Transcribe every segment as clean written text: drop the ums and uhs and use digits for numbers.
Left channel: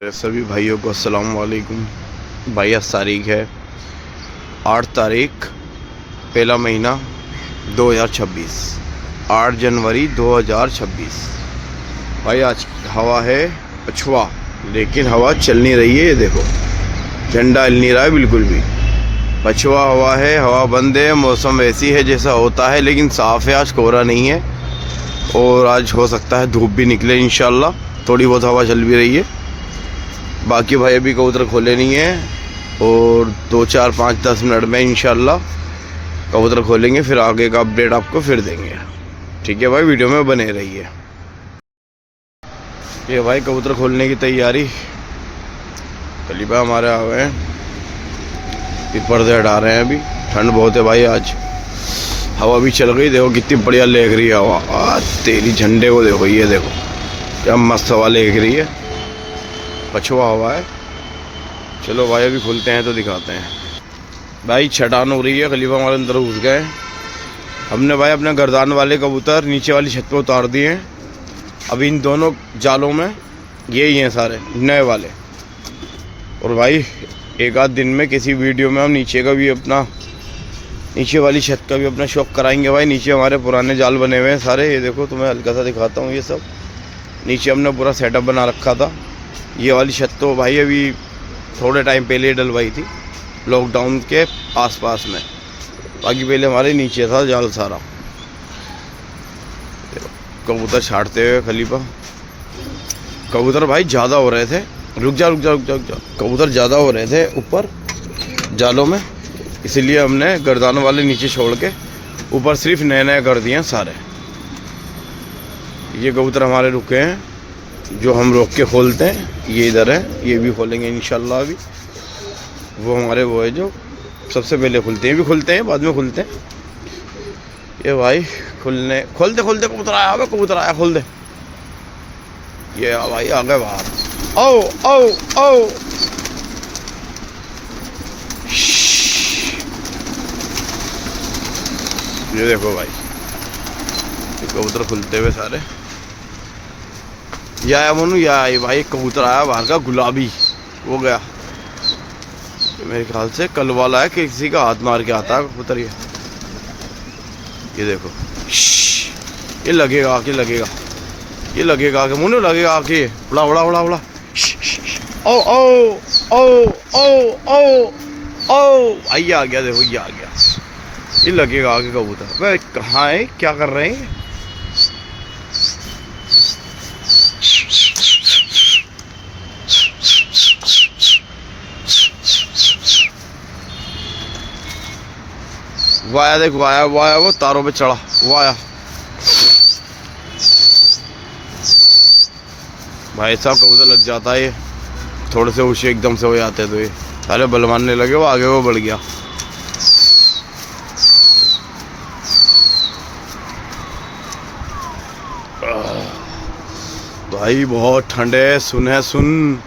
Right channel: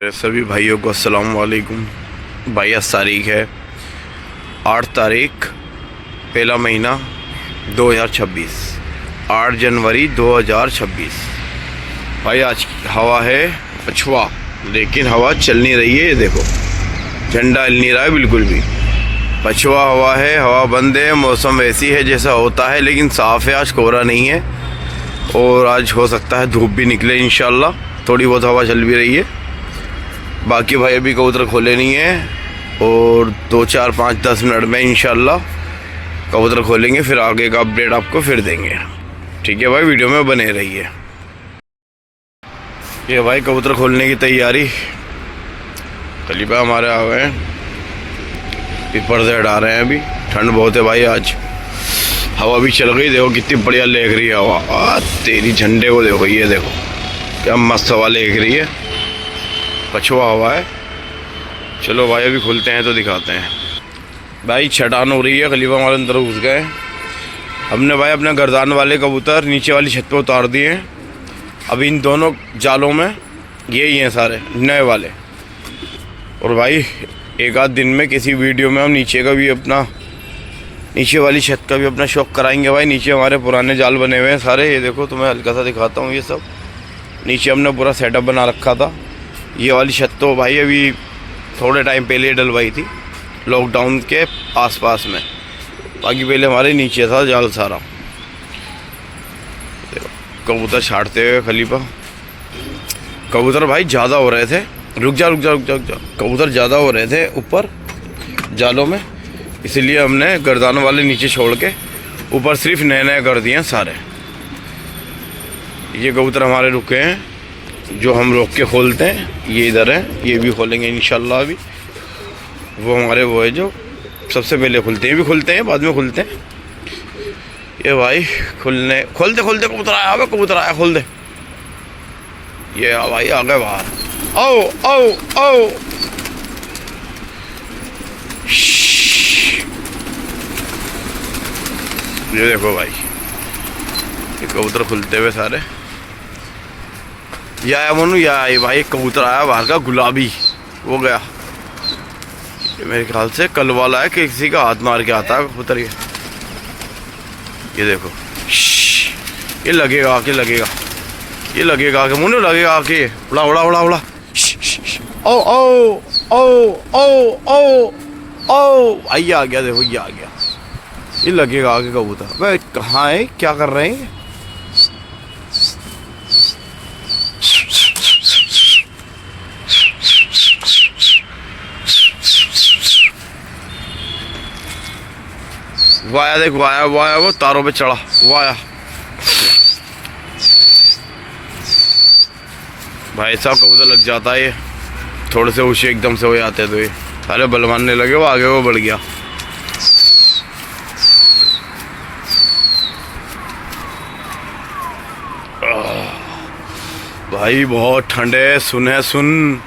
सभी भाइयों को अस्सलाम वालेकुम। भाई आज तारीख है 8 तारीख पहला महीना 2026, 8 जनवरी 2026। भाई आज की हवा है पछुआ, लेकिन हवा चल नहीं रही है। ये देखो झंडा हिल नहीं रहा है बिल्कुल भी। पछुआ हवा है, हवा बंद है, मौसम वैसी है जैसा होता है, लेकिन साफ़ है। आज कोहरा नहीं है और आज हो सकता है धूप भी निकले इंशाल्लाह। थोड़ी बहुत हवा चल भी रही है। बाकी भाई अभी कबूतर खोले नहीं है और 2 4 5 10 मिनट में इंशाल्लाह कबूतर खोलेंगे, फिर आगे का अपडेट आपको फिर देंगे। ठीक है भाई, वीडियो में बने रहिए। ये भाई कबूतर खोलने की तैयारी, खलीफा हमारे आ गए हैं, फिर पर्दे हटा रहे हैं। अभी ठंड बहुत है भाई, आज हवा भी चल गई। देखो कितनी बढ़िया लेग रही है हवा। तेरी झंडे को देखो, ये देखो क्या मस्त हवा लेग रही है। पछुआ हवा है। चलो भाई अभी खुलते हैं तो दिखाते हैं। भाई छटान हो रही है, खलीफा हमारे अंदर घुस गए। हमने भाई अपने गर्दान वाले कबूतर नीचे वाली छत पे उतार दिए हैं। अभी इन दोनों जालों में यही हैं सारे नए वाले। और भाई एक आध दिन में किसी वीडियो में हम नीचे का भी अपना, नीचे वाली छत का भी अपना शौक कराएंगे। भाई नीचे हमारे पुराने जाल बने हुए हैं सारे। ये देखो तुम्हें हल्का सा दिखाता हूँ। ये सब नीचे हमने पूरा सेटअप बना रखा था। ये वाली छत तो भाई अभी थोड़े टाइम पहले डलवाई थी, लॉकडाउन के आसपास में। बाकी पहले हमारे नीचे था जाल सारा। कबूतर छाटते हुए खलीफा। कबूतर भाई ज़्यादा हो रहे थे। रुक जा रुक जा रुक जा रुक जा। कबूतर ज़्यादा हो रहे थे ऊपर जालों में, इसलिए हमने गर्दानों वाले नीचे छोड़ के ऊपर सिर्फ नए नए कर दिए हैं सारे। ये कबूतर हमारे रुके हैं जो हम रोक के खोलते हैं। ये इधर है, ये भी खोलेंगे इंशाल्लाह। अभी वो हमारे वो है जो सबसे पहले खुलते हैं, भी खुलते हैं बाद में खुलते हैं। ये भाई खोलते खोलते कबूतर आया। अबे कबूतर आया, खोल दे। ये भाई आ गए बाहर। आओ आओ आओ। ये देखो भाई, ये कबूतर खुलते हुए सारे। या आया मनु, या आई भाई। कबूतर आया बाहर का गुलाबी, वो गया। ये मेरे ख्याल से कल वाला है कि किसी का हाथ मार के आता है कबूतर। ये देखो, ये लगेगा आके, लगेगा ये लगेगा आके, मुन्नू लगेगा आके। उड़ा उड़ा उड़ा उड़ा। ओ ओ ओ ओ ओ ओ आइए, आ गया। देखो ये आ गया। ये लगेगा आके कबूतर। भाई कहाँ है, क्या कर रहे हैं? वाया देख, वाया वाया, वो तारों पे चढ़ा वाया। भाई साहब कबूतर लग जाता है ये, थोड़े से ऊँचे एकदम से हो जाते हैं तो ये सारे बल मारने लगे। वो आगे वो बढ़ गया। भाई बहुत ठंड है, सुन है, सुन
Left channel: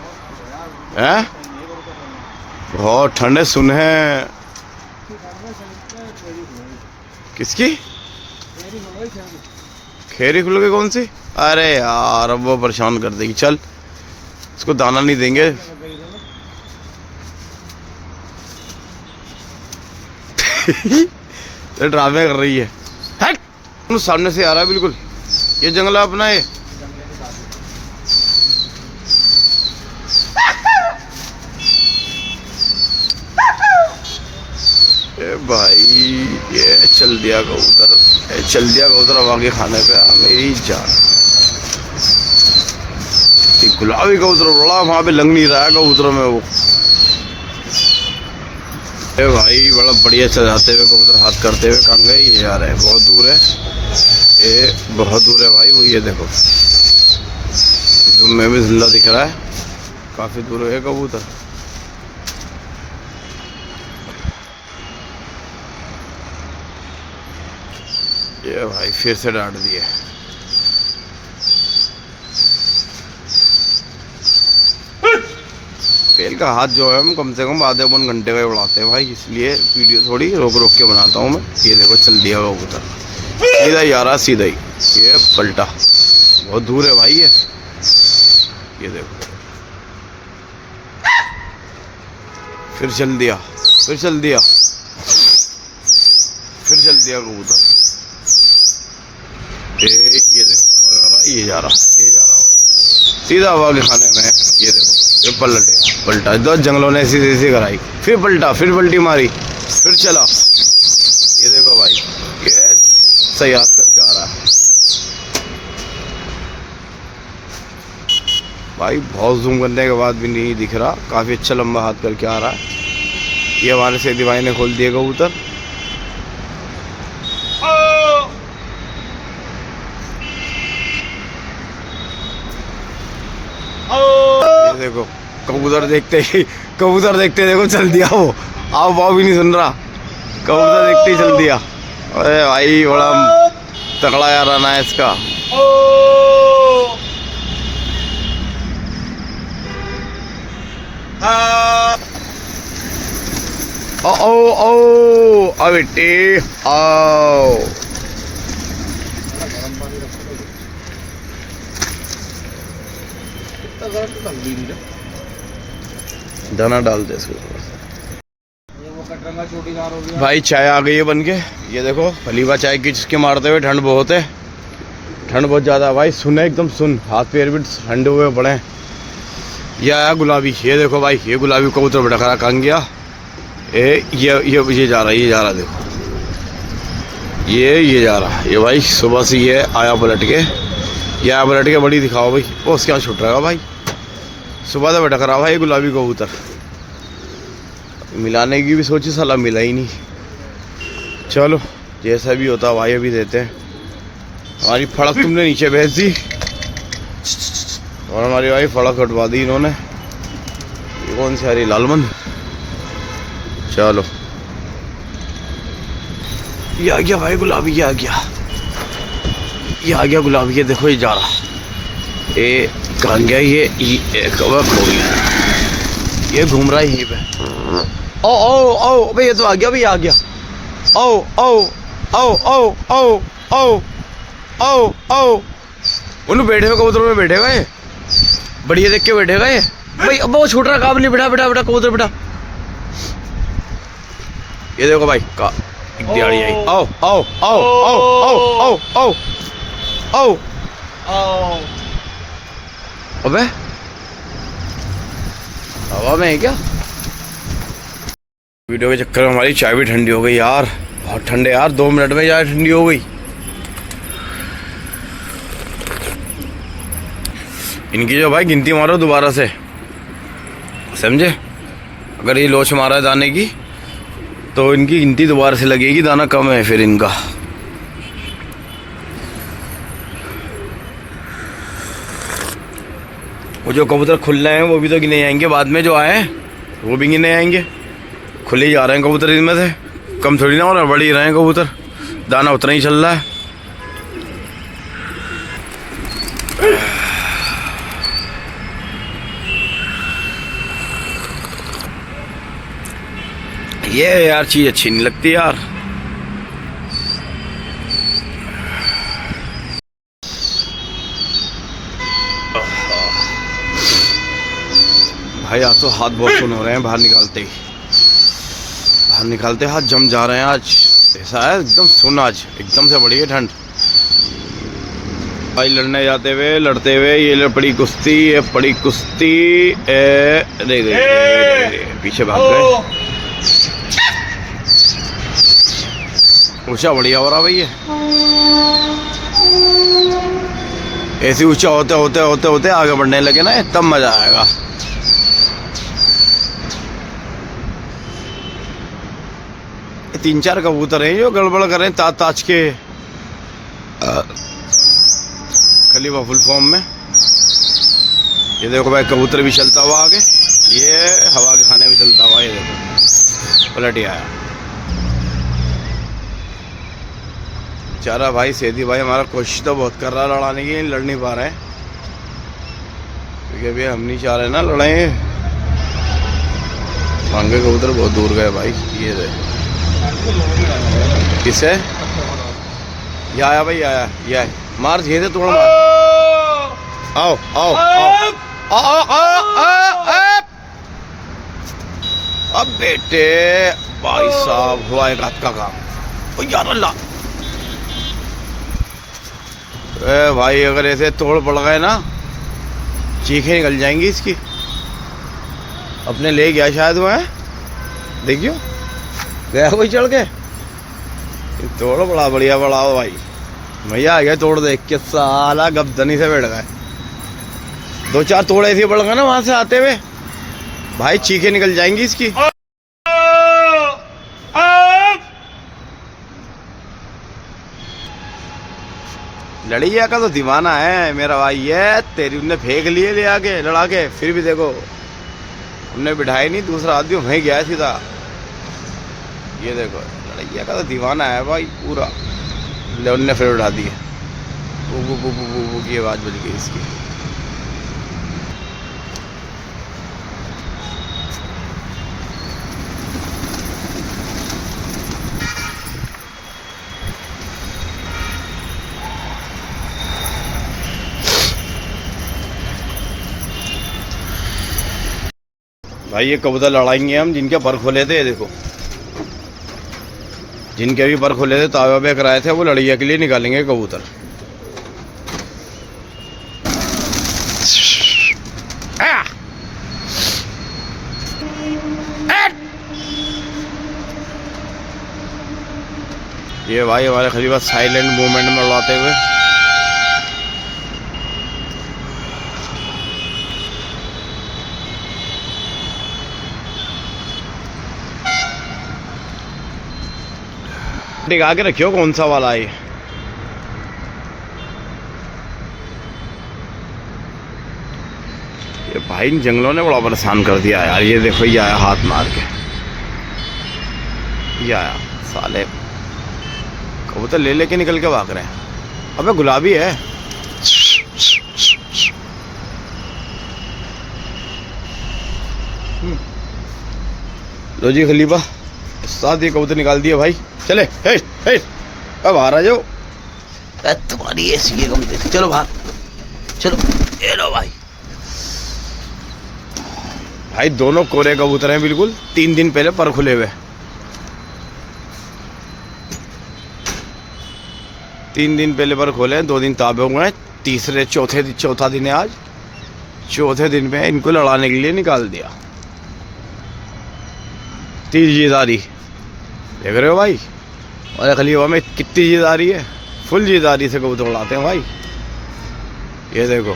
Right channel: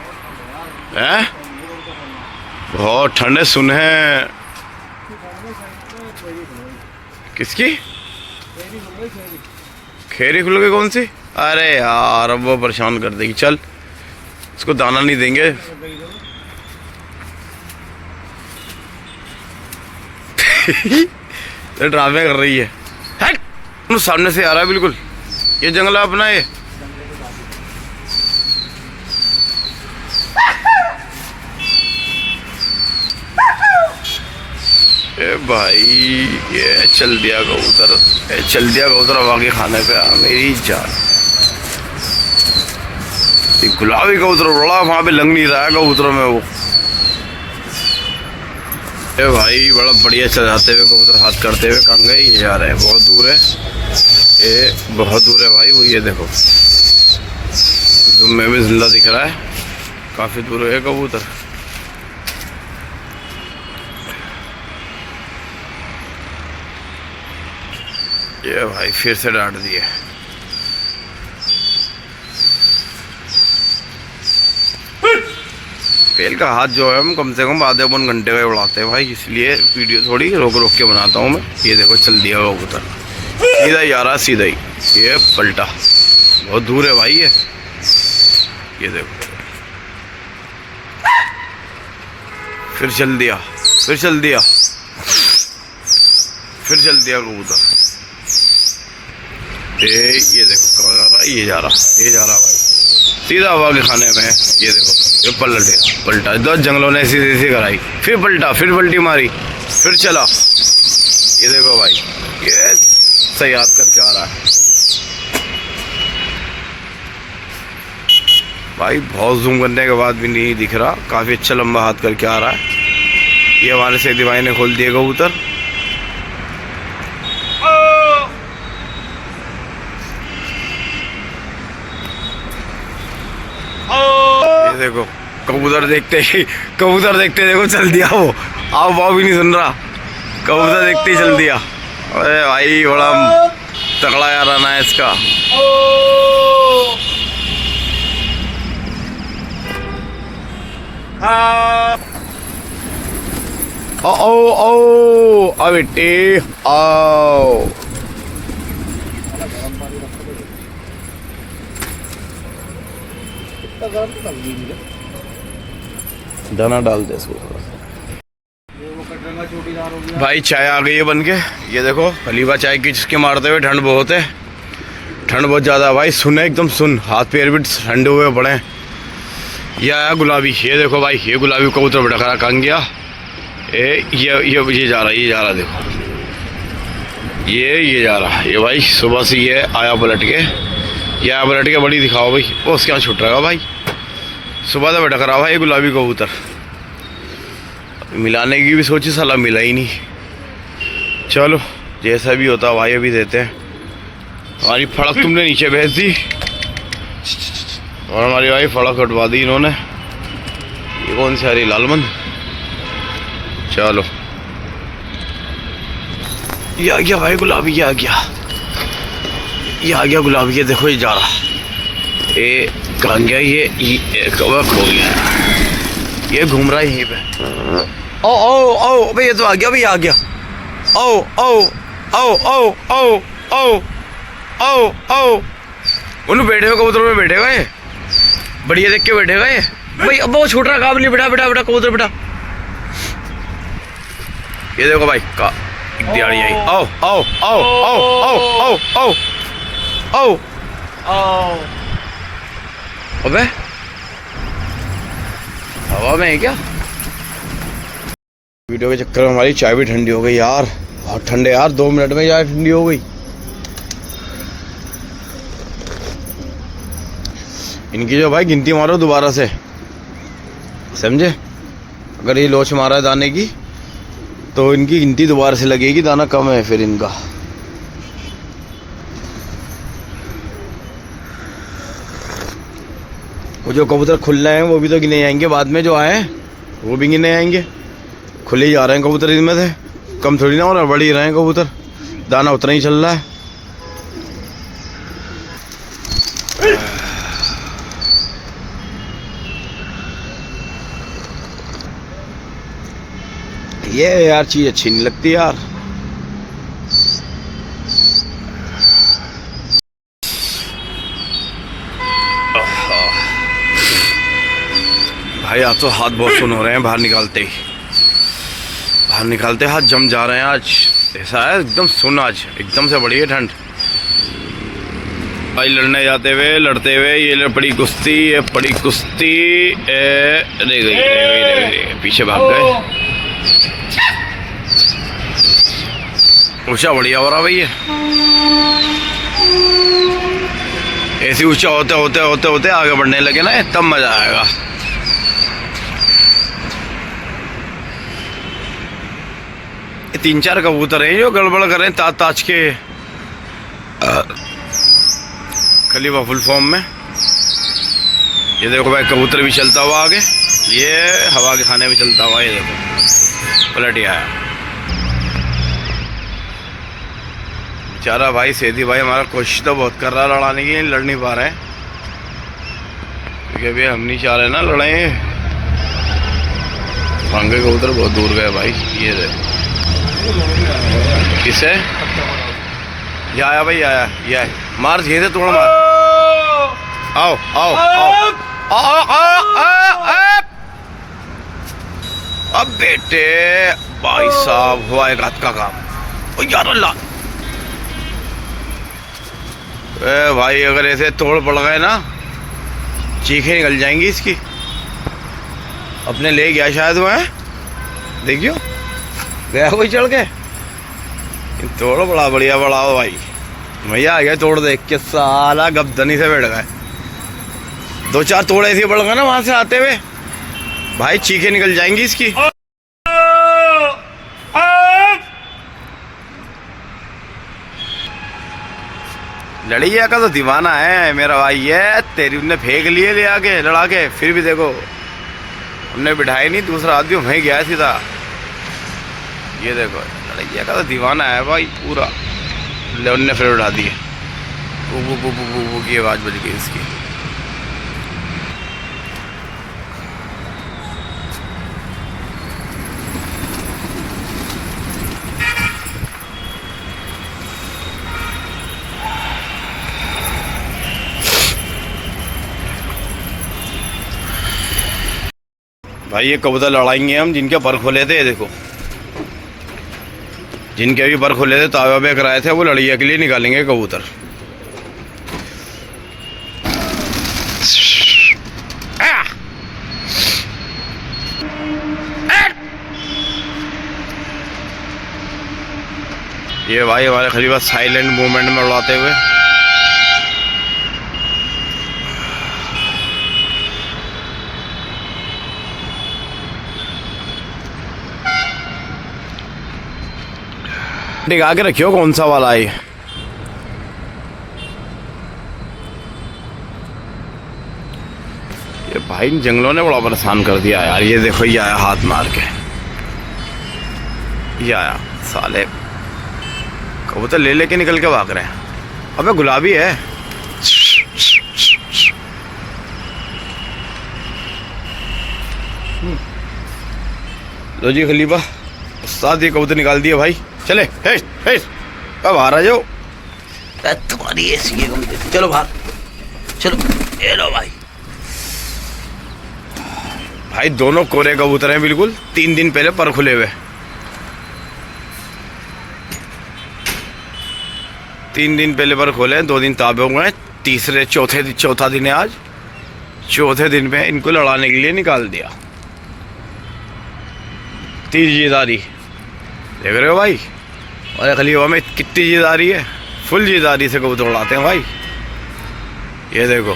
है, बहुत ठंड है, सुन है। किसकी खेरी खुल गई? कौन सी? अरे यार अब वो परेशान कर देगी। चल इसको दाना नहीं देंगे। ये ड्रामे कर रही है। सामने से आ रहा है बिल्कुल। ये जंगला अपना है। ए भाई ये चल दिया कबूतर, चल दिया कबूतर। अब आगे खाने पे आ मेरी जान। गुलाबी कबूतर बड़ा वहाँ पे लग नहीं रहा है कबूतरों में वो। ए भाई बड़ा बढ़िया चल जाते हुए कबूतर हाथ करते हुए। कहाँ गए ये? आ रहे हैं, बहुत दूर है ये, बहुत दूर है भाई वो। ये देखो जूम में भी जिंदा दिख रहा है, काफ़ी दूर है कबूतर। ये भाई फिर से डांट दिए। पेल का हाथ जो है हम कम से कम आधे पौन घंटे का उड़ाते हैं भाई, इसलिए वीडियो थोड़ी रोक रोक के बनाता हूँ मैं। ये देखो चल दिया वो कबूतर, सीधा ही आ रहा, सीधा ही। ये पलटा, बहुत दूर है भाई ये देखो। फिर चल दिया, फिर चल दिया, फिर चल दिया कबूतर। ये देखो कहाँ जा रहा, ये जा रहा, ये जा रहा भाई सीधा हवा के खाने में। ये देखो ये पलट गया, पलटा। 10 जंगलों ने ऐसी ऐसी कराई, फिर पलटा, फिर पलटी मारी, फिर चला। ये देखो भाई ये सही हाथ करके आ रहा है भाई। बहुत जूम करने के बाद भी नहीं दिख रहा, काफ़ी अच्छा लंबा हाथ करके आ रहा है। ये हमारे सेठी भाई ने खोल दिए कबूतर। ये देखो कबूतर देखते देखो चल दिया वो। आओ भाव भी नहीं सुन रहा, कबूतर देखते ही चल दिया। अरे भाई बड़ा तगड़ा यार आना है इसका। ओ बेटे आओ। दाना डाल दे इसको थोड़ा सा। भाई चाय आ गई है बन के। ये देखो हलीवा चाय की चुस्की मारते हुए। ठंड बहुत है, ठंड बहुत ज़्यादा है भाई। सुन एकदम सुन, हाथ पैर भी ठंडे हुए पड़े। ये आया गुलाबी। ये देखो भाई ये गुलाबी कबूतर बड़ा खरा कहाँ गया। ये जा रहा देखो, ये जा रहा। ये भाई सुबह से ये आया पलट के, बड़ी दिखाओ भाई। वो उसके यहाँ छुट रहा है भाई, सुबह से भटक रहा भाई गुलाबी कबूतर। मिलाने की भी सोची, साला मिला ही नहीं। चलो जैसा भी होता भाई अभी देते हैं। हमारी फड़क तुमने नीचे भेज दी और हमारी भाई फड़क कटवा दी इन्होंने। ये कौन सी आ रही, लालमंद। चलो ये आ गया भाई गुलाबी, ये आ गया गुलाबी। ये देखो ये जा रहा, ये कहाँ गया, ये कवर खो गया, ये घूम रहा है यहीं पे। ओ भाई ये तो आ गया भाई, आ गया। ओ उन्हें बैठे हुए कबूतर में बैठेगा ये, बढ़िया देख के बैठेगा ये भाई। अब वो छूट रहा काम नहीं। बेटा कबूतर बेटा। ये देखो भाई का दिहाड़ी आई। आओ अबे हवा में है क्या। वीडियो के चक्कर में हमारी चाय भी ठंडी हो गई यार, बहुत ठंडे यार। 2 मिनट में चाय ठंडी हो गई। इनकी जो भाई गिनती मारो दोबारा से, समझे। अगर ये लोच मारा है दाने की तो इनकी गिनती दोबारा से लगेगी, दाना कम है फिर इनका। वो जो कबूतर खुल रहे हैं वो भी तो गिने आएंगे बाद में, जो आए वो भी गिने आएंगे। खुले ही जा रहे हैं कबूतर इनमें से, कम थोड़ी ना हो रहा, बढ़ ही रहे हैं कबूतर। दाना उतना ही चल रहा है। ये यार चीज़ अच्छी नहीं लगती यार। भाई आज तो हाथ बहुत सुन हो रहे हैं, बाहर निकालते हाथ जम जा रहे हैं। आज ऐसा है एकदम सुन, आज एकदम से बढ़ी है ठंड। भाई लड़ने जाते हुए लड़ते हुए ये पड़ी कुश्ती रह गई, पीछे भाग गए। ऊंचा बढ़िया हो रहा भाई ये। ऐसे ऊंचा होते आगे बढ़ने लगे ना, तब मजा आएगा। ये 3-4 कबूतर हैं जो गड़बड़ कर रहे हैं ताज के खलीफा फुल फॉर्म में। ये देखो भाई कबूतर भी चलता हुआ आगे, ये हवा के खाने भी चलता हुआ। ये देखो पलट ही आया बेचारा भाई। सेठी भाई हमारा कोशिश तो बहुत कर रहा है लड़ाने की, लड़ नहीं पा रहे हैं क्योंकि अभी हम नहीं चाह रहे ना लड़ाई। भांगे कबूतर बहुत दूर गए भाई। ये देखो किसे ये आया भाई, आया ये आया। मार धीरे थोड़ा मार। आओ आओ आओ आओ आओ आओ अब बेटे भाई साहब हुआ एक रात का काम। ओ यार अल्लाह, भाई अगर ऐसे तोड़ पड़ गए ना चीखें निकल जाएंगी इसकी। अपने ले गया शायद वो है, देखियो गया कोई चढ़ के। तोड़ बड़ा बढ़िया बड़ा हो भाई, भैया आ गया तोड़ देख के, साला गबदनी से बैठ गए। 2-4 तोड़ ऐसे पड़ गए ना वहां से आते हुए, भाई चीखें निकल जाएंगी इसकी। लड़िया का तो दीवाना है मेरा भाई, है तेरी उनने फेंक लिए ले आके लड़ा के, फिर भी देखो उनने बिठाई नहीं, दूसरा आदमी वहीं गया सीधा। ये देखो लड़िया का तो दीवाना है भाई पूरा, ले उनने फिर उठा दिए। बू बू बू बू बू की आवाज़ बज गई इसकी। भाई ये कबूतर लड़ाएंगे हम जिनके पर खोले थे, ये देखो जिनके भी पर खोले थे तावे वावे कराए थे, वो लड़िया के लिए निकालेंगे कबूतर। ये भाई हमारे खलीफा साइलेंट मूवमेंट में उड़ाते हुए। टिका के रखियो कौन सा वाला है। ये भाई इन जंगलों ने बड़ा परेशान कर दिया यार। ये देखो ये आया हाथ मार के, ये आया साले, कबूतर ले लेके निकल के भाग रहे हैं। अबे गुलाबी है। लो जी खलीफा साथ ये कबूतर निकाल दिए भाई, चले हे हे अब बाहर आ जाओ। तुम्हारी ऐसी है कबूतर, चलो बाहर चलो। ये लो भाई, भाई दोनों कोरे कबूतर हैं बिल्कुल, 3 दिन पहले पर खुले हुए। 3 दिन पहले पर खोले हैं, 2 दिन ताबे हुए हैं, चौथा दिन है आज। चौथे दिन पे इनको लड़ाने के लिए निकाल दिया। तीन जीदारी देख रहे हो भाई, और खलीफा में कितनी जीदारी है, फुल जीदारी से कबूतर उड़ाते हैं भाई। ये देखो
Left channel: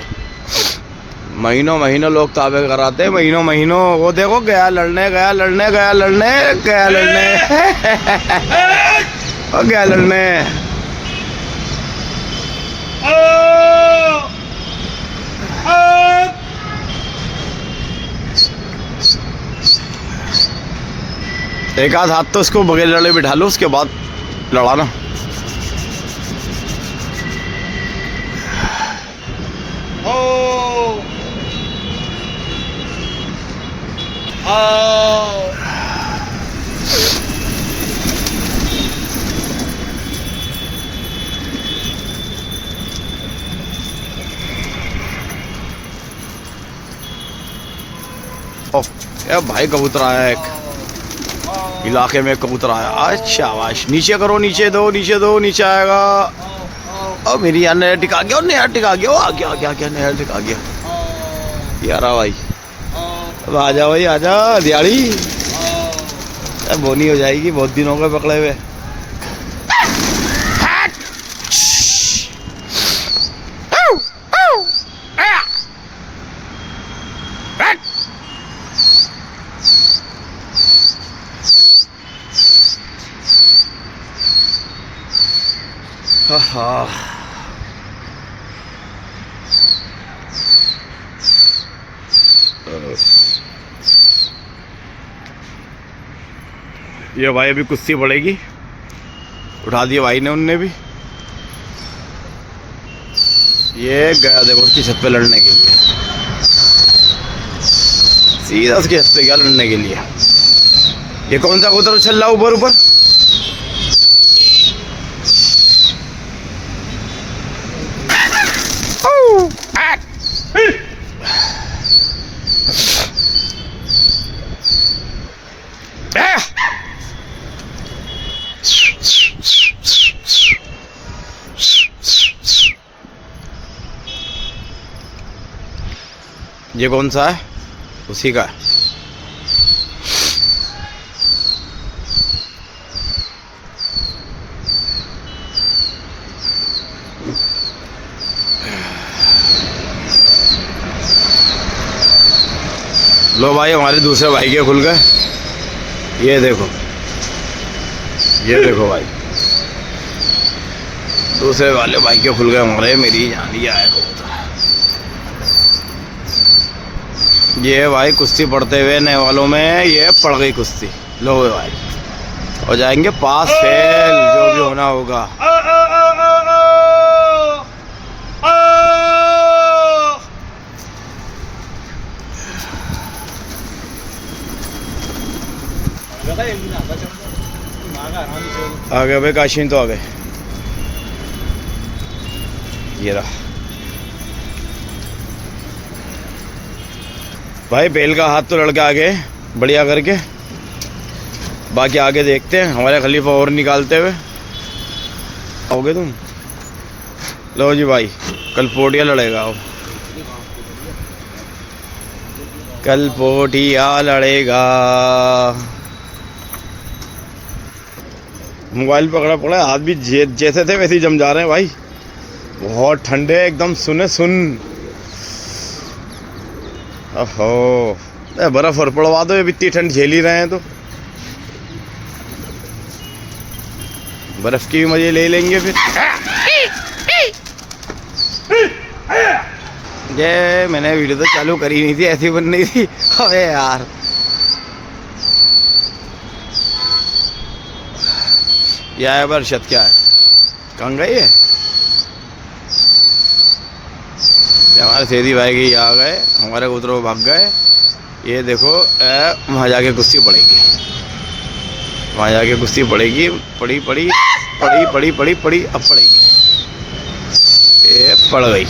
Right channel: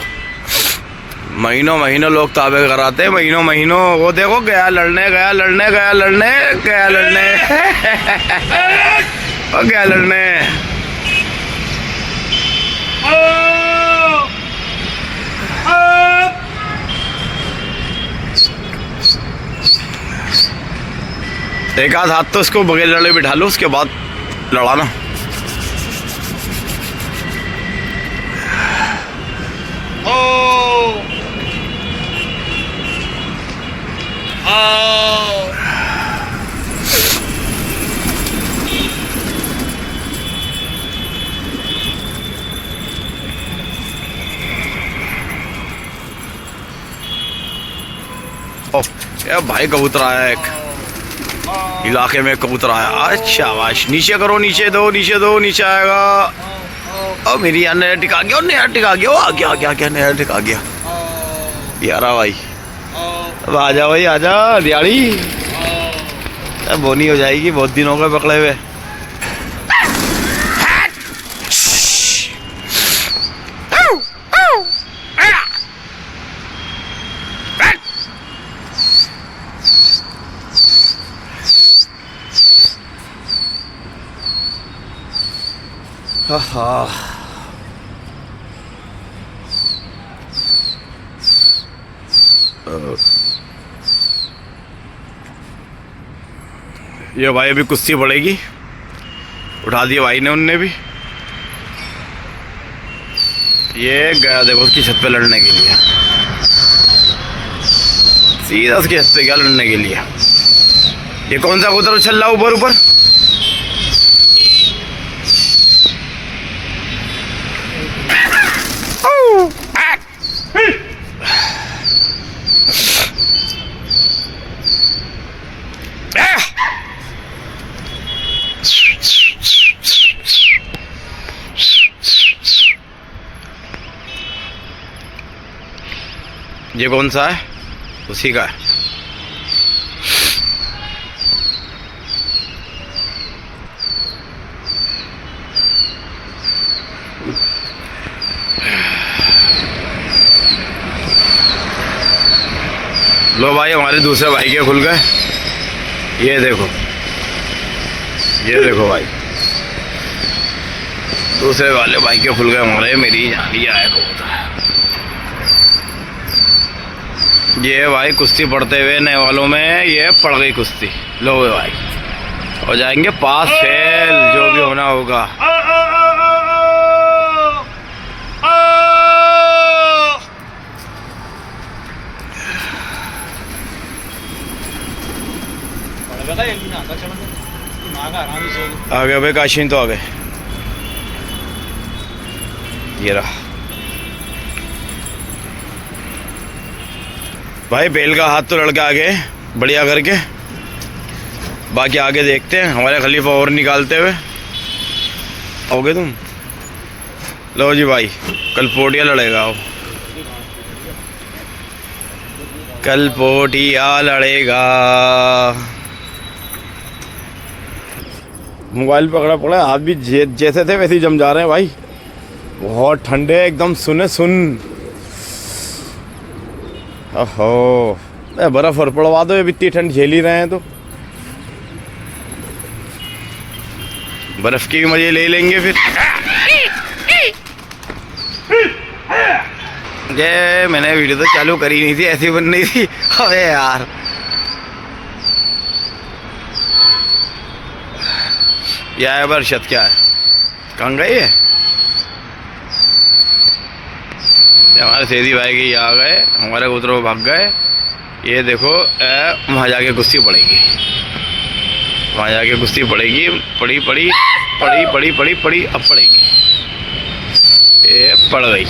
महीनों महीनों लोग ताबे कराते हैं, महीनों महीनों। वो देखो गया लड़ने गया लड़ने गया लड़ने गया लड़ने और गया लड़ने। एक आध हाथ तो उसको बगैर लड़े बिठा लो, उसके बाद लड़ाना। यार भाई कबूतर आया एक इलाके में, कबूतर आया। अच्छा वाश, नीचे करो, नीचे दो, नीचे दो, नीचे आएगा। और मेरी यार नया टिका गया, और नया टिका गया, वो आ गया आ गया क्या नया टिका गया यारा भाई। अब आ जा भाई, आ जा दिहाड़ी, बोनी हो जाएगी, बहुत दिन हो गए पकड़े हुए। ये भाई अभी कुश्ती पड़ेगी, उठा दिया भाई ने, उनने भी। ये गया देखो उसकी छत पे लड़ने के लिए, सीधा उसकी छत पे गया लड़ने के लिए। ये कौन सा कबूतर उछल रहा ऊपर ऊपर? ये कौन सा है? उसी का है। लो भाई, हमारे दूसरे भाई के खुल गए। ये देखो, ये देखो भाई, दूसरे वाले भाई के खुल गए हमारे। मेरी जान लिया है कबूतर। ये भाई कुश्ती पढ़ते हुए नए वालों में ये पड़ गई कुश्ती। लो भाई, हो जाएंगे पास फेल, जो भी होना होगा। आ गए भाई, काशीन तो आ गए। ये रहा भाई, बेल का हाथ तो लड़के आगे बढ़िया करके। बाकी आगे देखते हैं, हमारे खलीफा और निकालते हुए आओगे तुम। लो जी भाई, कल पोटिया लड़ेगा। आओ, कल पोटिया लड़ेगा। मोबाइल पकड़ा पड़ा, हाथ भी जैसे थे वैसे ही जम जा रहे हैं भाई। बहुत ठंडे एकदम, सुने सुन। ओहो, बर्फ और पड़वा दो, ये इतनी ठंड झेल ही रहे हैं तो बर्फ की भी मजे ले लेंगे फिर। ये मैंने वीडियो तो चालू करी नहीं थी, ऐसी बन रही थी। अबे यार, यह है बरशत। क्या है? कहाँ गई है? हमारे सेदी भाई की आ गए, हमारे कबूतरों भाग गए। ये देखो, वहाँ जाके कुश्ती पड़ेगी, वहाँ जाके कुश्ती पड़ेगी। पड़ी पड़ी पड़ी पड़ी पड़ी पड़ी, अब पड़ेगी। ये पड़ गई,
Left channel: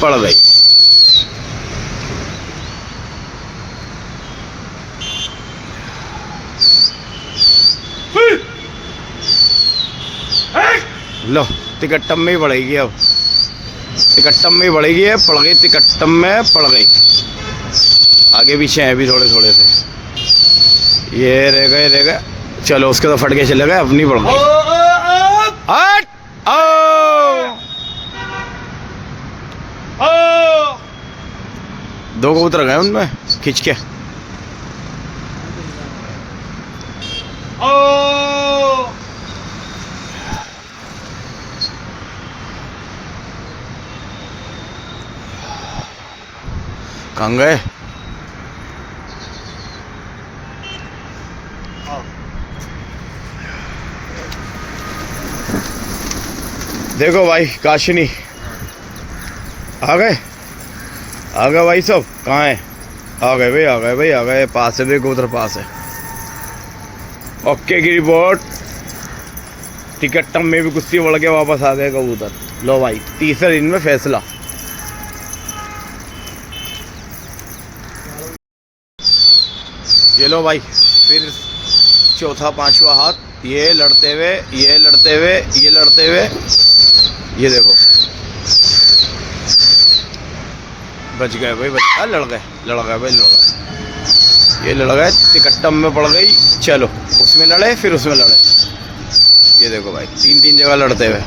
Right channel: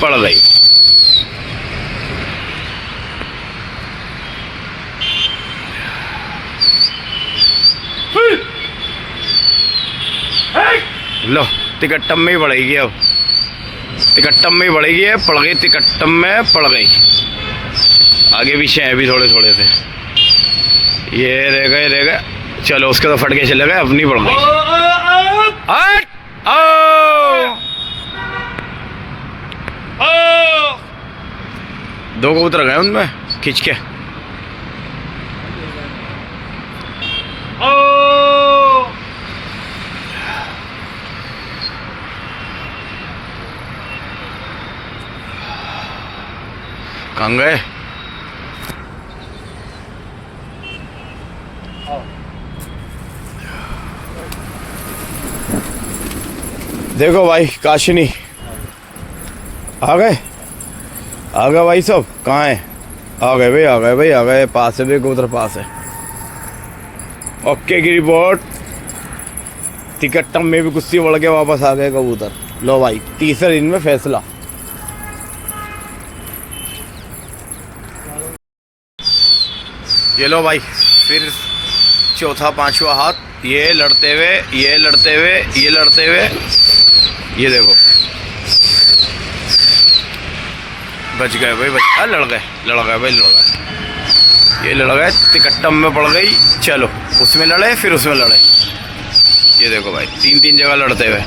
पड़ गई। लो, तिकट्टम में ही पड़ेगी। अब तिकट्टम में ही पड़ेगी। है पड़ गई, तिकट्टम में पड़ गई। आगे पीछे हैं भी थोड़े थोड़े से। ये रह गए, रह गए। चलो, उसके तो फट के चले गए, अपनी पड़ गई। हट! दो कबूतर गए उनमें खींच के। कहाँ गए? देखो भाई, काशिनी आ गए, आ गए भाई सब। कहाँ है? आ गए भाई, आ गए भाई, आ गए। पास है, देखो उधर पास है। ओके की रिपोर्ट। टिकट्टम में भी कुश्ती बढ़ के वापस आ गए कबूतर। लो भाई, तीसरे दिन में फैसला। ये लो भाई, फिर चौथा पांचवा हाथ। ये लड़ते हुए, ये लड़ते हुए, ये लड़ते हुए। ये देखो, बच गए भाई, बच गए। लड़ गए, लड़ गए भाई, लड़ गए। ये लड़ गए, तिकट्टम में पड़ गई। चलो, उसमें लड़े, फिर उसमें लड़े। ये देखो भाई, तीन तीन जगह लड़ते हुए।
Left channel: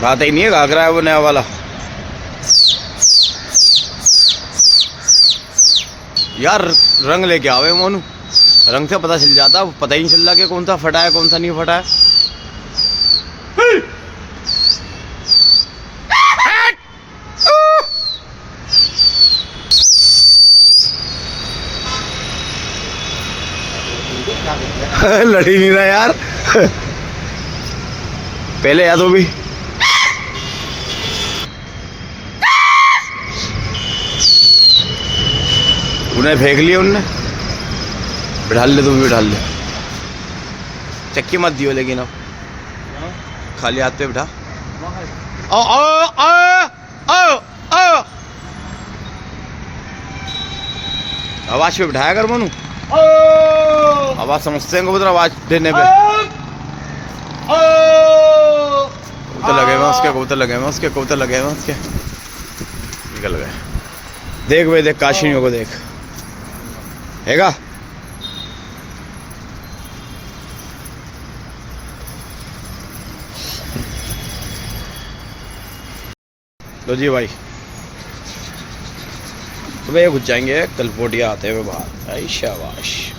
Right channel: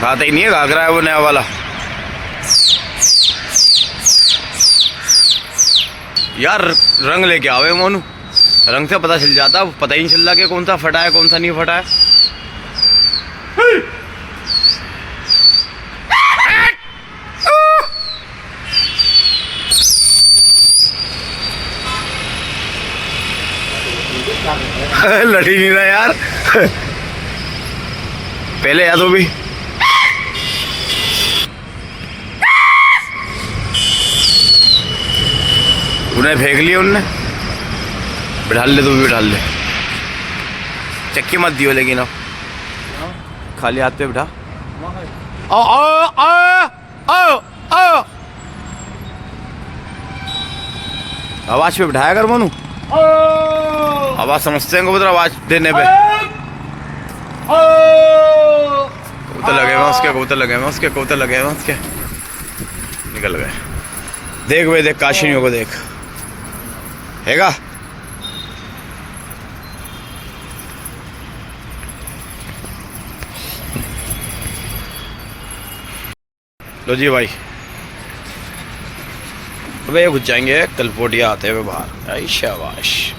खाता ही नहीं है, घाघरा है वो नया वाला। यार रंग लेके आवे मोनू, रंग से पता चल जाता। पता ही नहीं चल रहा कि कौन सा फटा है, कौन सा नहीं फटा है। लड़ ही नहीं रहा यार। पहले याद हो भी। उन्हें फेंक लिया उनने। बिठा ले, तू भी बिठा ले। चक्की मत दियो लेकिन, अब खाली हाथ पे बिठा। आओ आओ आओ आओ आओ। आवाज पे बिठाया कर मोनू, आवाज समझते हैं कबूतर आवाज देने पे। कबूतर लगे हुए उसके, कबूतर लगे हुए उसके, कबूतर लगे हुए उसके, निकल गए। देख भाई देख, काशिनियों को देख, हैगा। लो जी भाई, वे घुस जाएंगे कलपोटिया आते हुए बाहर। आई शाबाश।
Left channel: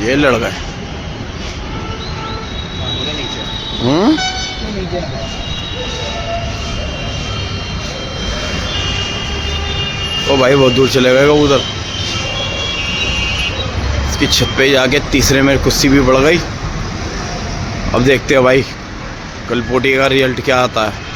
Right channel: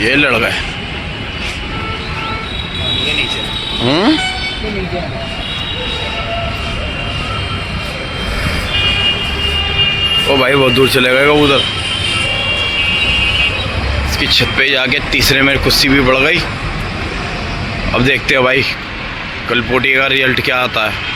ये लड़ गए। ओ भाई बहुत दूर चले गए उधर। इसकी छत पे जाके तीसरे में कुश्ती भी बढ़ गई। अब देखते हैं भाई कलपोटी का रिजल्ट क्या आता है।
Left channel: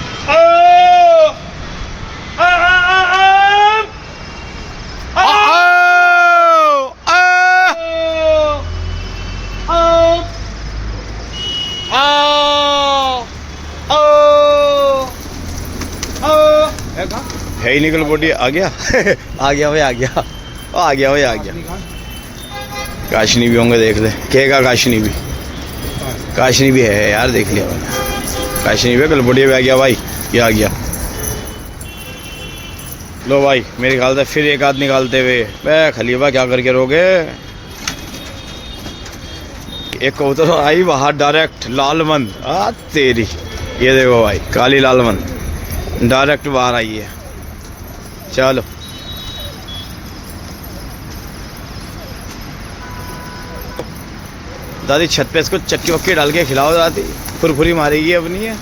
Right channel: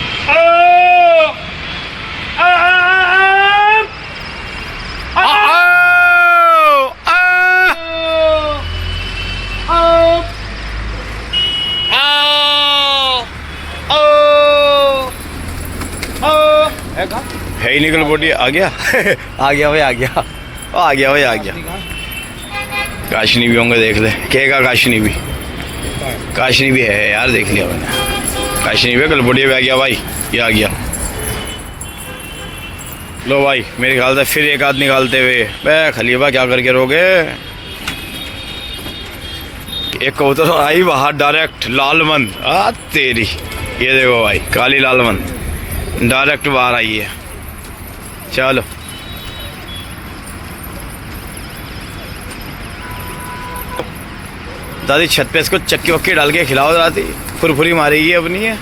है ही निकल बोटी। आ गया आ गया भाई, आ गया, आ गया भाई, आ गया। काशनी भी होंगे, देख ले, कहेगा काशनी भी, काशनी भी है यार, देख लिया मैंने, काशनी भी कलपोटिया भी आ गया भाई, ये आ गया। लो भाई मेरे ख्याल से फिर एक आध निकालते हुए। बे खलीफा क्या करके रोगे। एक कबूतर आई बाहर डायरेक्ट, लालमन। आ तेरी, ये देखो भाई काली लालमन डायरेक्ट बाहर आई है। चलो दादी छत पे इसको चक्की वक्की डाल के खिलाओ दादी, फुरफुरी मारेगी अपनी है।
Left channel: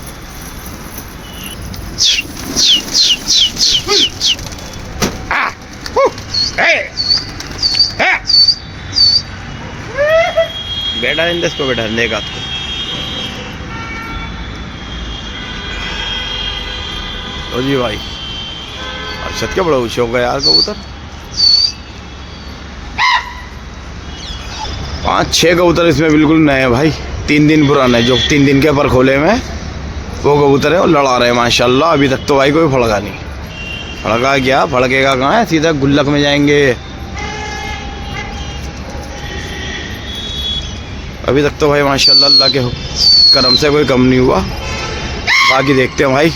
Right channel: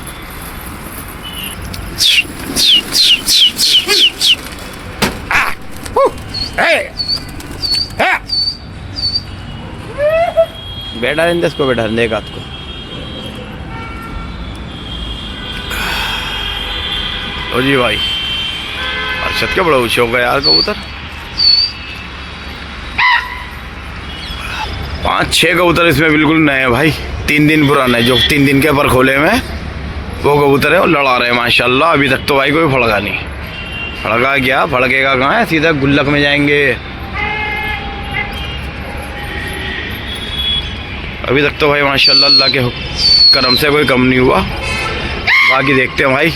बैठा इसको, बैठा लेगा आपको। लो जी भाई, और छत के बड़ा ऊंचे हो गया यार कबूतर। 5-6 कबूतर इसमें बिल्कुल नए हैं भाई, 3 दिन पुराने, जो 3 दिन के पर खोले में वो कबूतर है, वो लड़ा रहे हैं माशाल्लाह। अभी तक तो भाई कोई फड़का नहीं, फड़का क्या, फड़केगा कहाँ है, सीधा गुल्लक में जाएंगे। अभी तक तो भाई माशाल्लाह अल्लाह के करम से कोई कम नहीं हुआ। बाकी देखते हैं भाई।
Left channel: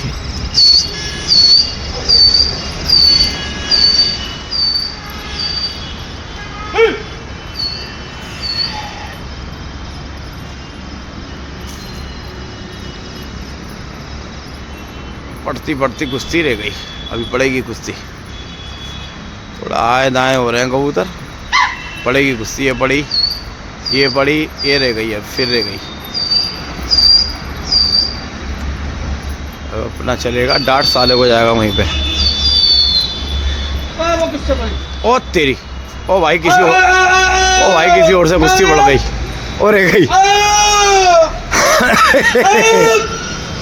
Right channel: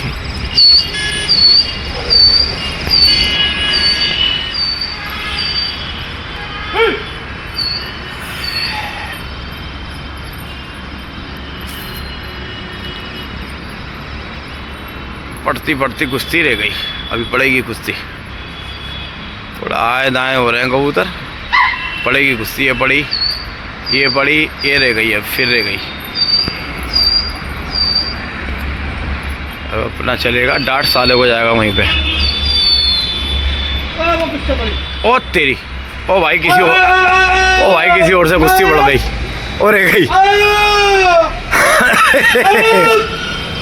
पड़ती पड़ती कुश्ती रह गई, अभी पड़ेगी कुश्ती। थोड़ा आए दाएं हो रहे हैं कबूतर, पड़ेगी कुश्ती। ये पड़ी, ये पड़ी, ये रह गई, अब फिर रह गई। अब अपना चलेगा, डांट साले को जाएगा वहीं पे। ओ तेरी, ओ भाई किसी और, ओ भाई किसी और से कुश्ती बढ़ गई और रह गई।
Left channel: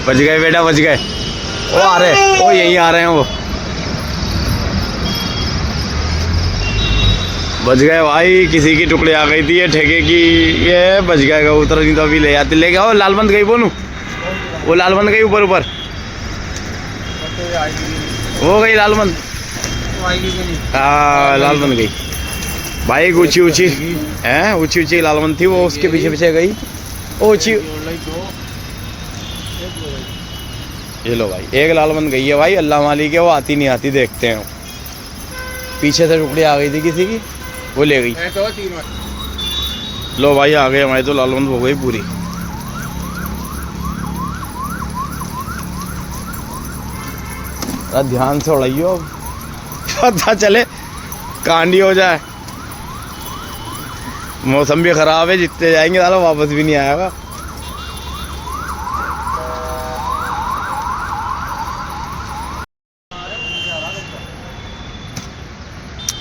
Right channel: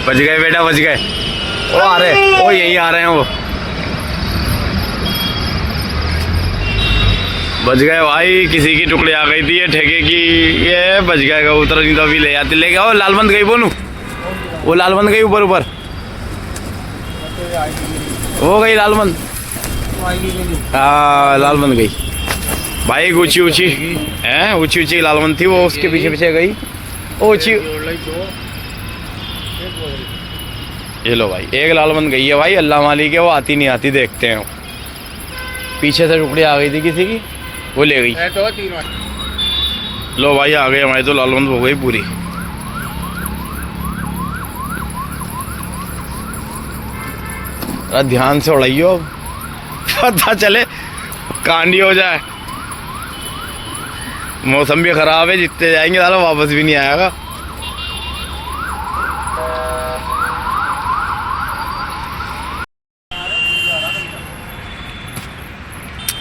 बच गए बेटा, बच गए। वो आ रहे, वो यहीं आ रहे हैं, वो बच गए भाई। किसी की टुकड़ी आ गई थी ये ठेके की, ये बच गए कबूतर, नहीं तो अभी ले जाते, ले गया। वो लालमंद गई बोनू, वो लालमंद गई ऊपर ऊपर, वो गई लालमंद। हाँ लालमंद गई भाई, ऊंची ऊंची है, ऊंची ऊंची लालमंद थी, वो उसके पीछे पीछे गई ऊंची। ये लो भाई, एक लालमंद गई है भाई, अल्लाह मालिक है, वो आती नहीं आती देखते हैं। पीछे से टुकड़ी आ गई थी किसी की, वो ले गई। लो भाई आ गए हमारी तो लालमंद हो गई पूरी। ध्यान से उड़ाइयो, पता चले कांडी हो जाए। मौसम भी खराब है, जितने जाएंगे साला वापस भी नहीं आएगा।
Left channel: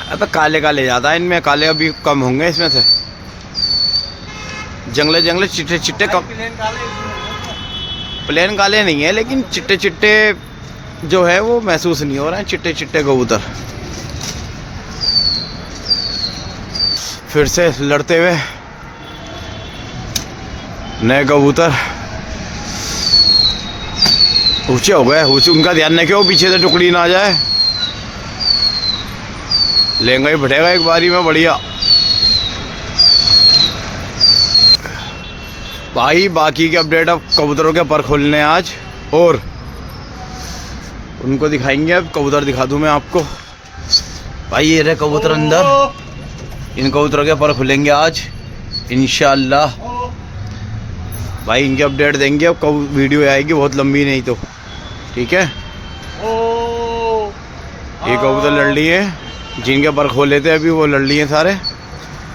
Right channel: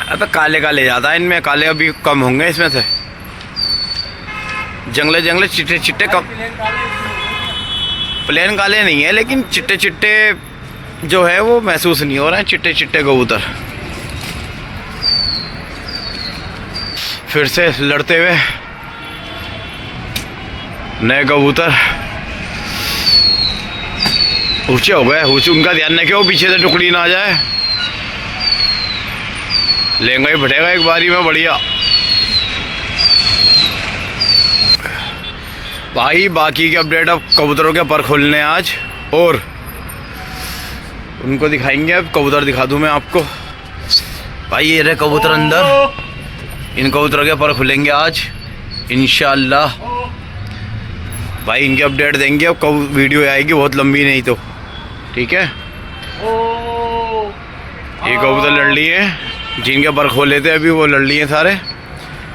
अब काले काले ज़्यादा है इनमें, काले अभी कम होंगे इसमें से। जंगले जंगले चिट्टे चिट्टे कम, प्लेन काले नहीं है लेकिन चिट्टे चिट्टे जो है वो महसूस नहीं हो रहे हैं, चिट्टे चिट्टे कबूतर। फिर से लड़ते हुए नए कबूतर ऊंचे हो गए। ऊंचे उनका ध्यान रखे वो पीछे से टुकड़ी ना आ जाए। लेंगा ही फटेगा एक बारी में बढ़िया। भाई बाकी के अपडेट अब कबूतरों के पर खोलने आज और उनको दिखाएंगे। अब कबूतर दिखा दूं मैं आपको। भाई ये रहे कबूतर अंदर, इन कबूतरों के पर खुलेंगे आज इंशाअल्लाह। भाई इनके अपडेट देंगे। अब कब वीडियो आएगी बहुत लंबी, नहीं तो ठीक है। ये कबूतर लड़ लिए है, जिनके पर खोले थे अभी वो लड़ लिए सारे।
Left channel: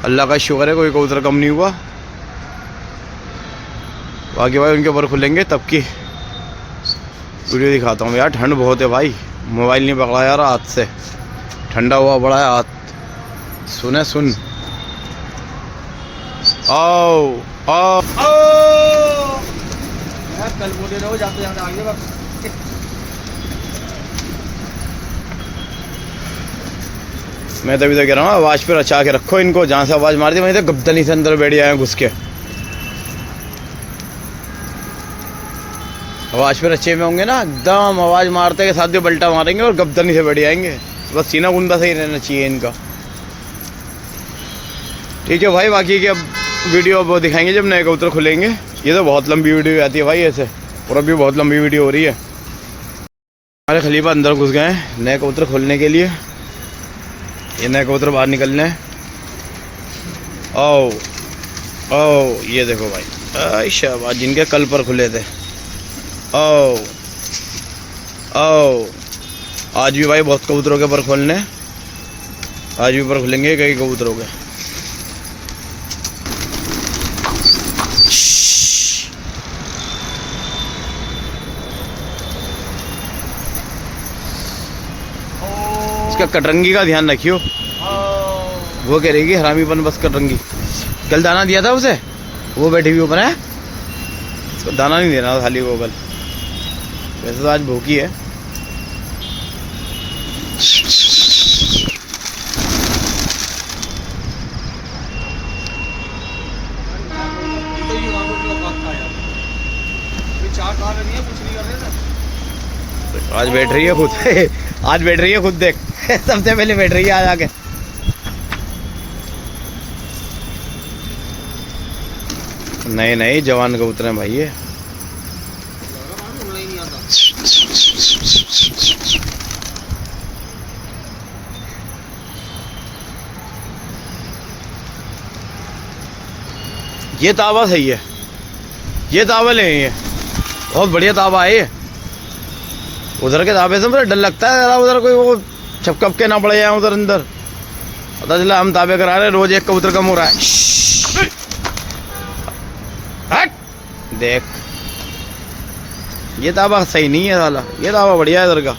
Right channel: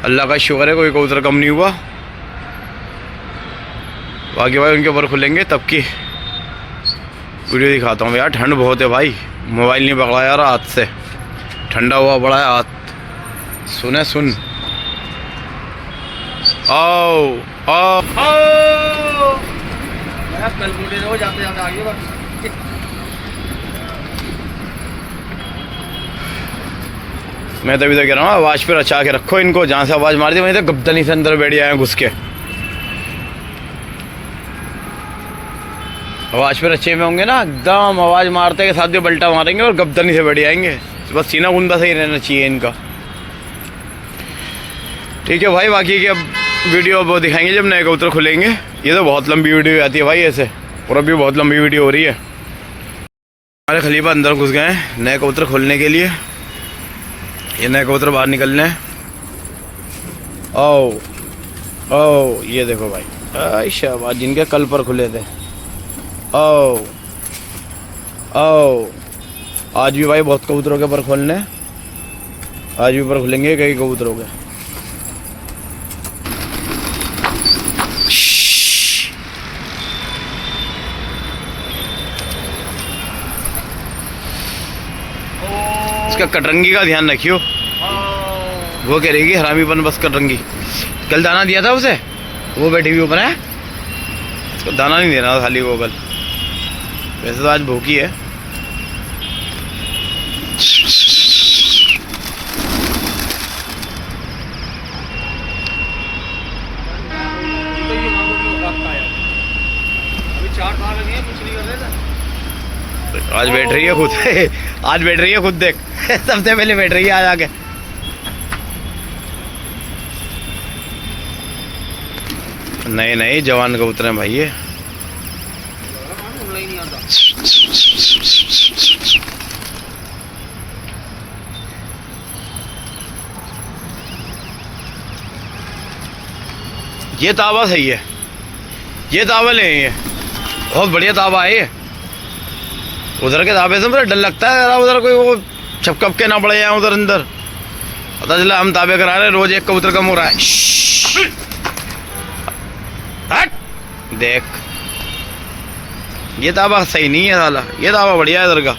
अल्लाह का शुक्र है कोई कबूतर कम नहीं हुआ। बाकी भाई उनके पर खुलेंगे तब की वीडियो दिखाता हूँ। यार ठंड बहुत है भाई, मोबाइल नहीं पकड़ा यार हाथ से, ठंडा हुआ बड़ा है हाथ। सुने सुन, आओ आओ मैं तभी तो कह रहा हूँ आवाज़ पे रचा के रखो इनको। जहाँ से आवाज़ मार दी वहीं से गब्दनी से अंदर बैठ जाए घुस के। आवाज़ पे रचे में होंगे ना, एकदम आवाज़ मारते के साथ भी बल्टा मारेंगे और गब्दनी से बैठ जाएंगे। बस सीना गुंदा सही रहना चाहिए इनका। ठीक है भाई, बाकी की अब वीडियो अब दिखाएंगे जब नए कबूतर खुलेंगे। ये तो बहुत लंबी वीडियो आती है भाई ऐसे, और अभी बहुत लंबी वीडियो हो रही है। हमारे खलीफा अंदर घुस गए हैं नए कबूतर खोलने के लिए। ये नए कबूतर बाहर निकलने हैं। ओ ओ ये देखो भाई, शाबाश जिनके कल पर खुले थे। ओ ओ आज भी भाई बहुत कबूतरों के पर खोलने, आज भी पर खुलेंगे कई कबूतरों के। इसका कटरंगी का ध्यान रखियो, वो कह रही हरामीपन बस कटरंगी। कल दाना दिया था उसे, वो बैठी हुई ऊपर है, उसको दाना नहीं देना था खाली वो कल। वैसे तो आज भूखी है। आज बैठ रही है खुद आज बैठ रही है खुद, देख सबसे पहले बैठ रही है आज आके। नहीं नहीं जवान कबूतर हैं भाई ये ताबा सही है, ये ताबा ले है, बहुत बढ़िया ताबा है ये। उधर के ताबे से मुझे डर लगता है, उधर कोई वो छपकप के ना पड़ जाए उधर अंदर। पता चला हम ताबे करा रहे, रोज एक कबूतर कम हो रहा है। हट देख, ये ताबा सही नहीं है साला, ये ताबा बढ़िया है इधर का।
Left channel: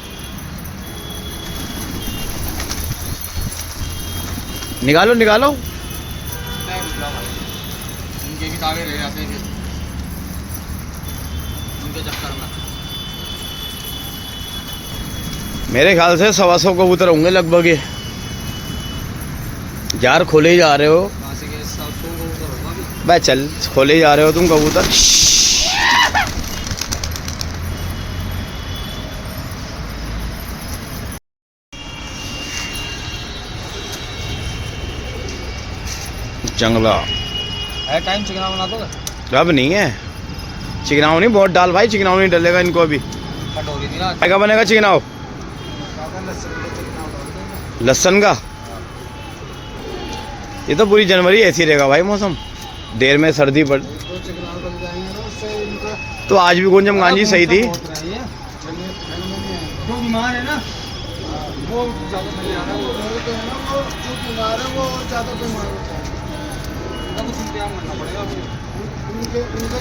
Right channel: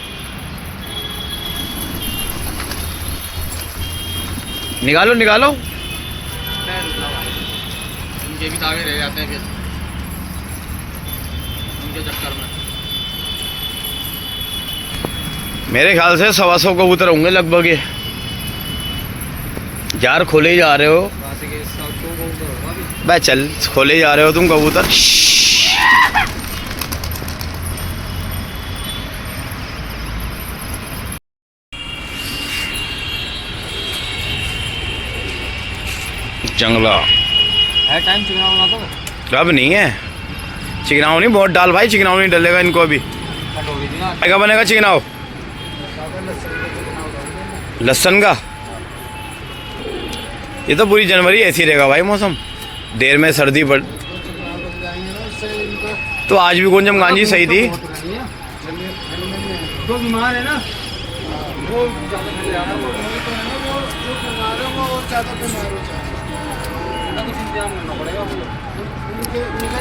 निकालो निकालो, इनके भी ताबे रह जाते हैं फिर इनके चक्कर में। मेरे ख्याल से 125 कबूतर होंगे लगभग ये। यार खोले जा रहे हो भाई, चल खोले जा रहे हो तुम कबूतर। जंगला है टाइम चिकनाव बना दो। अब नहीं है चिकनाव, नहीं बहुत डाल भाई, चिकनाव नहीं डलेगा इनको अभी। क्या बनेगा चिकनाव? लहसन का। ये तो पूरी जनवरी ऐसी रहेगा भाई मौसम, देर में सर्दी पड़। तो आज भी गुंजम गांजी सही थी। वो बीमार है ना, वो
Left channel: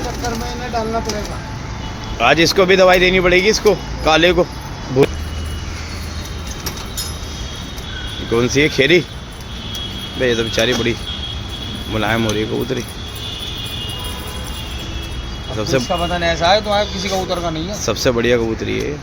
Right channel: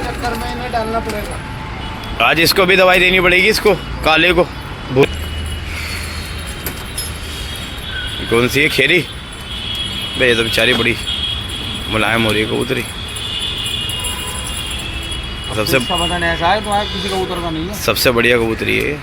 चक्कर में इन्हें डालना पड़ेगा। आज इसको भी दवाई देनी पड़ेगी, इसको काले को। कौन सी है? खेरी भाई, ये तो बेचारी बड़ी मुलायम हो रही है कबूतरी। सबसे बदन ऐसा है तो किसी कबूतर का नहीं है। सबसे बढ़िया कबूतरी है।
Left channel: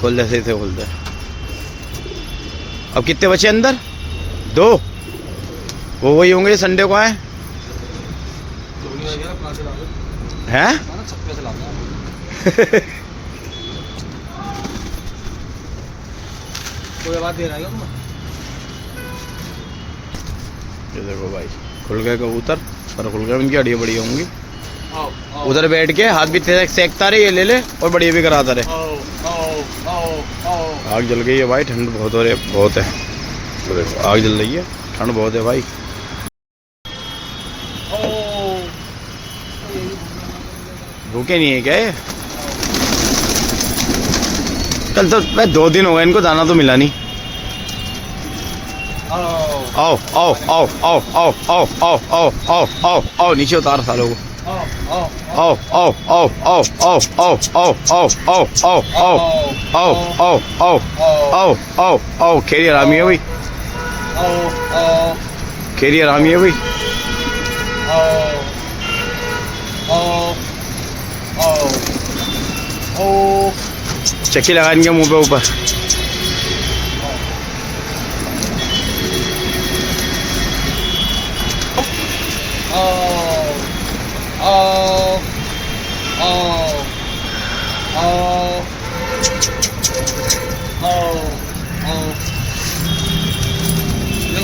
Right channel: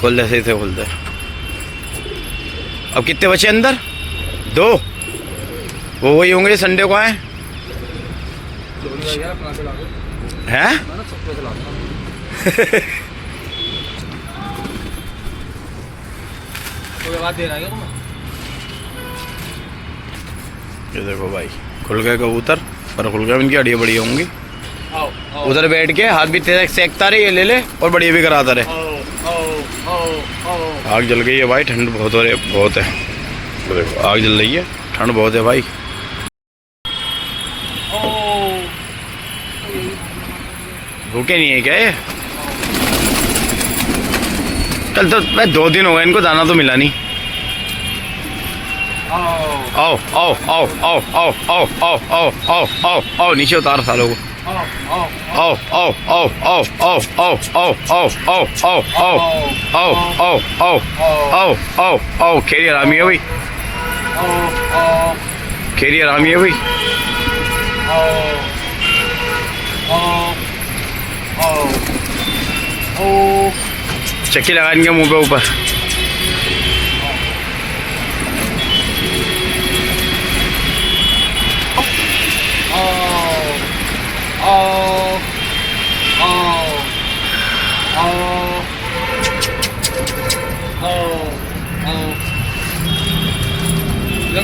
खोल दे, सही से खोल दे। अब कितने बचे अंदर? 2। वो वही होंगे संडे को आए हैं। ये देखो भाई, खुल गए कबूतर, पर खुल गए, इनकी हड्डियाँ बढ़िया होंगी। उधर बैठ के हाथ भी तेरे सेकता रहे, ये ले ले, और बढ़िया भी कराता रहे। आग जल गई है भाई, ठंड बहुत हो रही है, बहुत है। तो देखो आग जल रही है, ठंड बहुत है भाई। भूखे नहीं है क्या ये? कल तो मैं 2 दिन हो गए इनको, दाना तो मिला नहीं। आओ आओ आओ आओ आओ आओ आओ आओ आओ आओ आओ, नीचे उतार सालों को। आओ आओ आओ आओ आओ आओ आओ आओ आओ आओ आओ आओ आओ आओ आओ आओ आओ। खेरी हरामी है भाई, खेरी हरामी है भाई। चक्की लगा इनके मुंह पे ऊपर।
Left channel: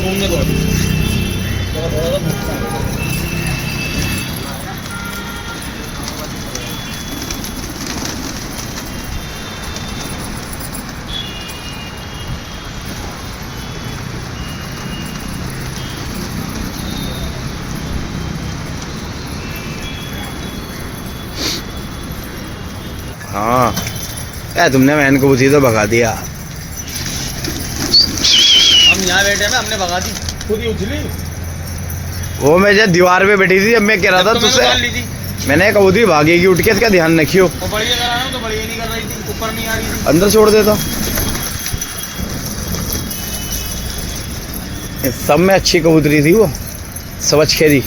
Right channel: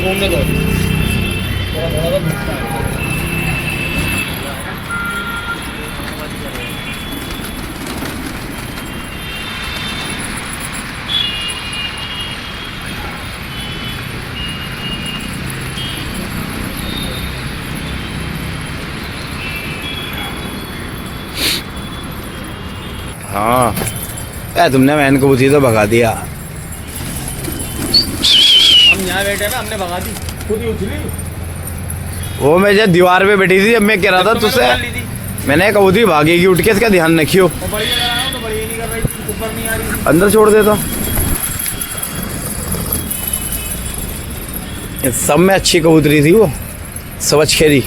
घूमने दो। हाँ यार, तुमने मैन कबूतरी तो भगा दिया। हम यहाँ बैठे हैं, हमने भगा दी, खुद ही उछली। वो मैं जब दीवार पे बैठी थी, अब मैं कह रहा था तुझसे, मैंने कबूतरी भागेगी उठ के, इसका ध्यान रखियो। तो बढ़िया नहीं कर रही थी, ऊपर नहीं आ रही थी। अंदर छोड़ देता। सब में अच्छी कबूतरी थी वो, सवच खेरी।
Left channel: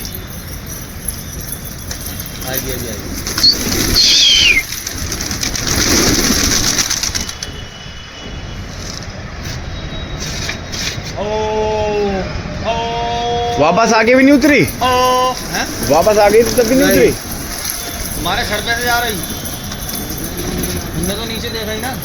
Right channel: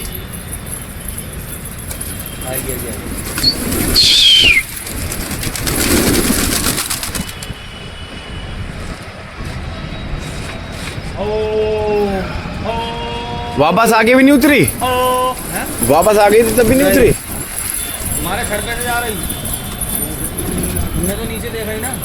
वापस आगे भी नहीं उतरी, वापस आ गई थी तब भी नहीं उतरी। हमारे सर पे से जा रही, मैं तो नीचे देख रही ना।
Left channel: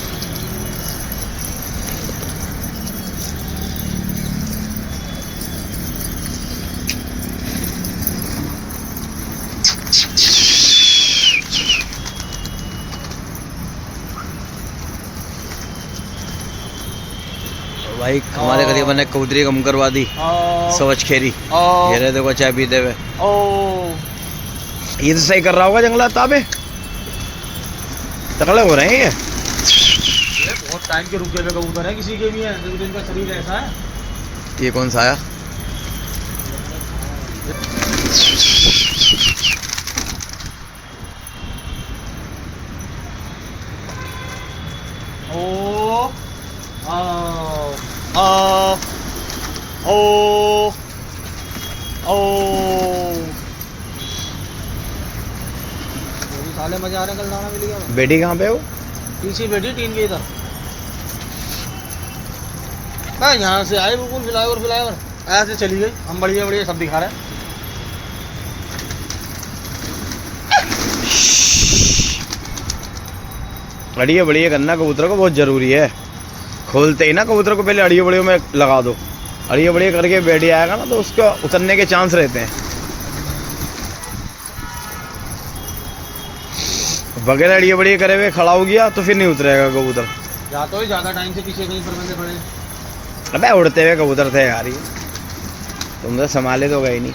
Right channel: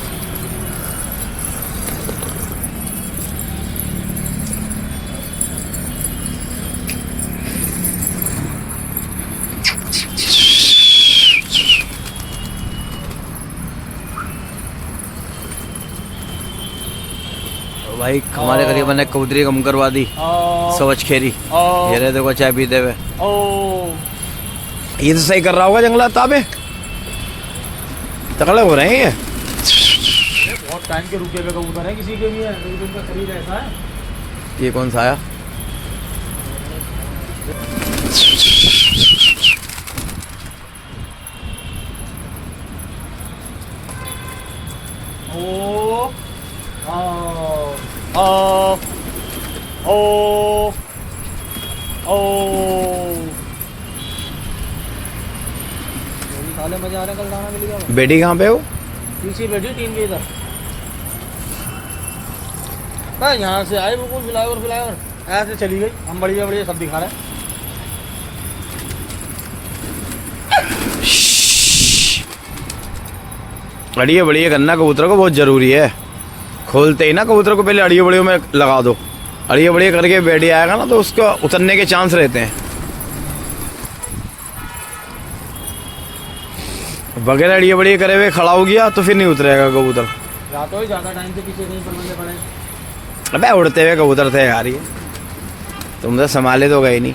भाई हमारे करीबन ने कबूतरी कम करवा दी, सवच खेरी। ये रहे देखो चाय पीते हुए। ये तो सही कर रहा होगा जंगला ताबे, तगड़े हो रहे हैं ये। बहुत टाइम के रुके हुए कबूतर है, किसी के नहीं है, इनका शरीर ऐसा है। ये कौन सा आया? मजा आ रहा है, कल दाना मिल गया। बेटी कहाँ पे हो? पीछे बैठी 3 के इधर। यहाँ से आए बिल्कुल फ्लाईओवर ऐसे चली गई। हम बढ़िया बढ़िया सब दिखा रहे हैं। अड़िया बढ़िया करना कबूतर को बहुत जरूरी है। खोलते ही ना कबूतर को पहले अड़िया बढ़िया में लगा दो। अड़िया बढ़िया करके बैठी आएगा ना तो उसका उतरने के चांस रहते हैं। बगैर अड़िया बढ़िया करे हुए खड़ा हो गया तो फिर नहीं उतरेगा कबूतर। या तो ज्यादा टाइम से पीछे नहीं पड़ने पड़े। अबे उड़ते हुए कबूतर थे यार, ये तुम तो संभाले तो गए नहीं।